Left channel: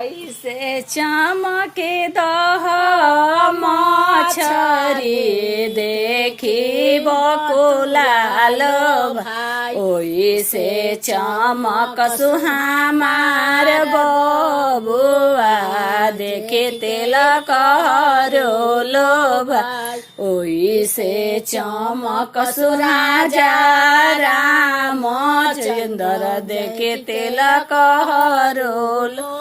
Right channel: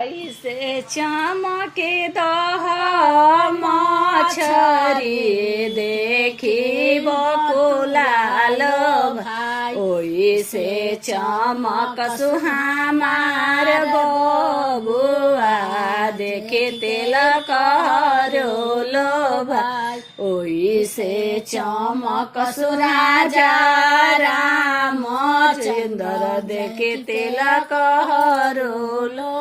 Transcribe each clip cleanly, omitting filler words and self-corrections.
ऐसे चमके दह मछरी देखी बकुलाल भाई, ओइसे चमक सुहामार बबुआ देखे तिलक हरोलो भाई, ओइसे चमक सुराजा रामचंद्र देखे तिलक हरोलो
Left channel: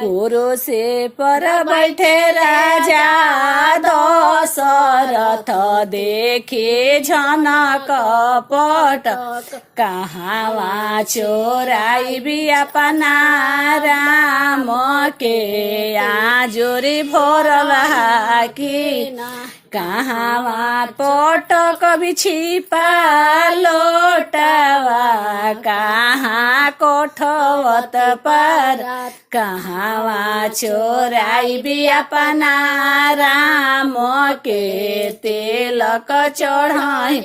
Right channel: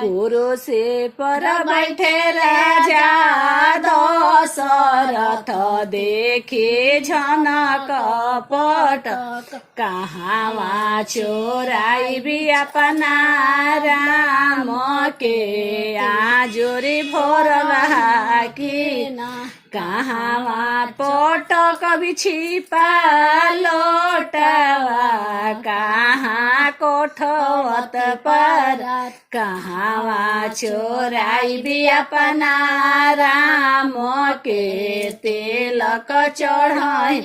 कुरो से पर बैठे राजा दशरथ देखे झनक पट, कहाँ चोराई भी अपना राम के आजोरी भोरला की, कहाँ पटक भी छिपा लोटवा, कहाँ कोठवत पर, कहाँ चोराई भी अपना राम के तिलक चढ़ाई,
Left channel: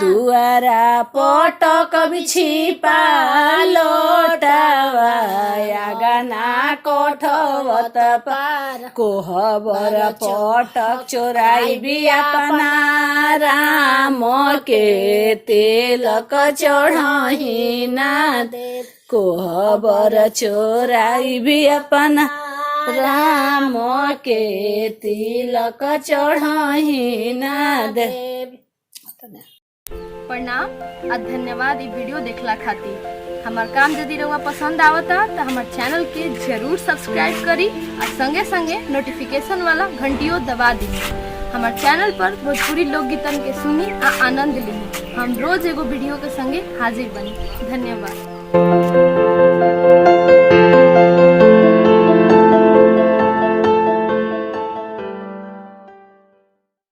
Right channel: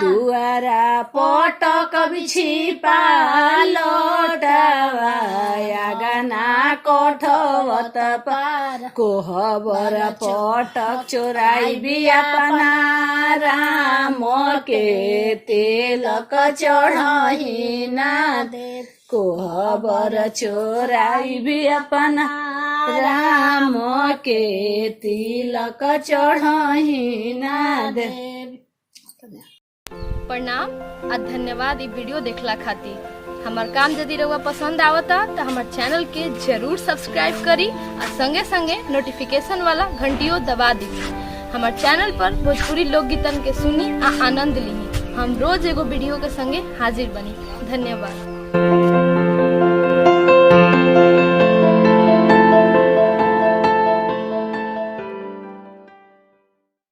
दुआरा पटक भी छिपा लोटवा, गना कोठवत पार, कोहबर पटक चोराई भी अपना राम के तिलक चढ़ाई ना दे, कोहबर चोराई भी अपना राम के तिलक चढ़ाई ना दे। प्रणाम आ धन्यवाद ई वीडियो देखला खातिर। हमार काम यदि रउआ पसंद आवता तो हमार चैनल के जरूर सब्सक्राइब करी और संगे संगे नोटिफिकेशन वाला घंटियों दबा दी। हमार चैनल पर भोजपुरी लोकगीतन के सुनी आ आनंद ली। हम रोज एगो वीडियो के संगे हाजिर बनी। धन्यवाद।